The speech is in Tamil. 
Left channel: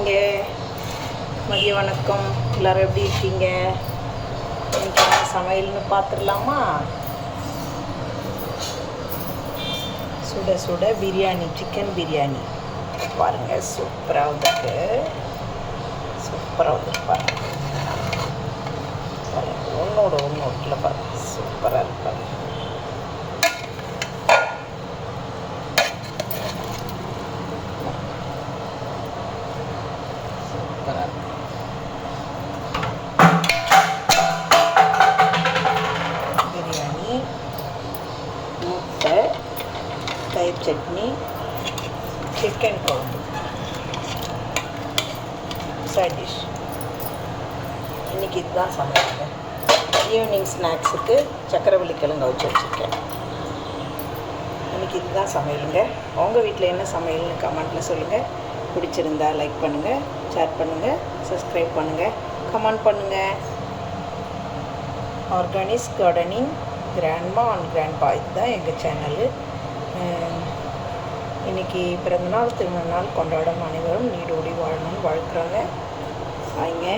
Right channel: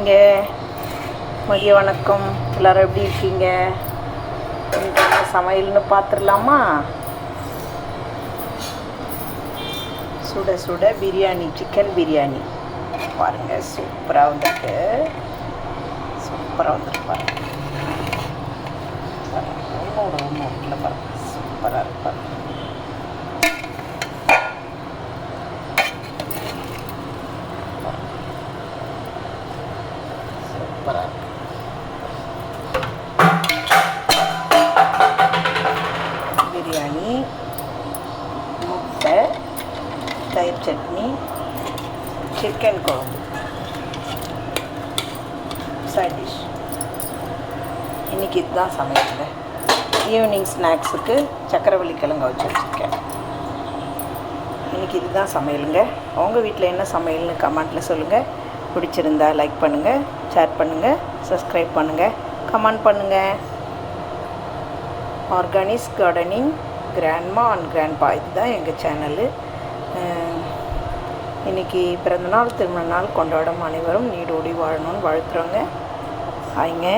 இருக்கீங்க? மதிய வணக்கம். எல்லோரும் எப்படி இருக்கீங்க? சமையல்னு பார்த்துடலாமா? சுட சுட பிரியாணி, சிக்கன் பிரியாணி பாருங்கள், சூப்பராக வந்துருக்கு. சூப்பராக வந்துருப்பாங்க பாருங்கள், ஒன்றோட ஒன்று ஒட்டில் பாருங்கள், சூப்பராக இருப்பாங்க. சூப்பராக இருக்கு. பிரியாணி, முட்டை, தயிர் சட்னி, சிக்கன் குழம்பு, சைட் டிஷ். இன்றைக்கி இதுதான் சமையலுங்க. ஈவினிங் ஸ்நாக்ஸுக்கு சக்கரவள்ளி கிழங்கு வச்சுருக்கேன். இன்றைக்கி இதுதான் சமையலுங்க. உங்கள் வீட்டில் என்ன சமையல்னு கமெண்ட்டில் சொல்லுங்கள். பிடிச்சிருந்தா லைக் பண்ணுங்கள், ஷேர் பண்ணுங்கள், சப்ஸ்கிரைப் பண்ணுங்கள், கமெண்ட் பண்ணுங்கள். Organics gardening grandma and grandpa, இதுதான் எங்கள் சேனலு. இன்றைக்கி பிறந்தநாள் திருமண நாள் கொண்டாடும் அனைவரும் நீடோடி வாழணும்னு வாழ்த்துறோங்க. ஆயிங்க.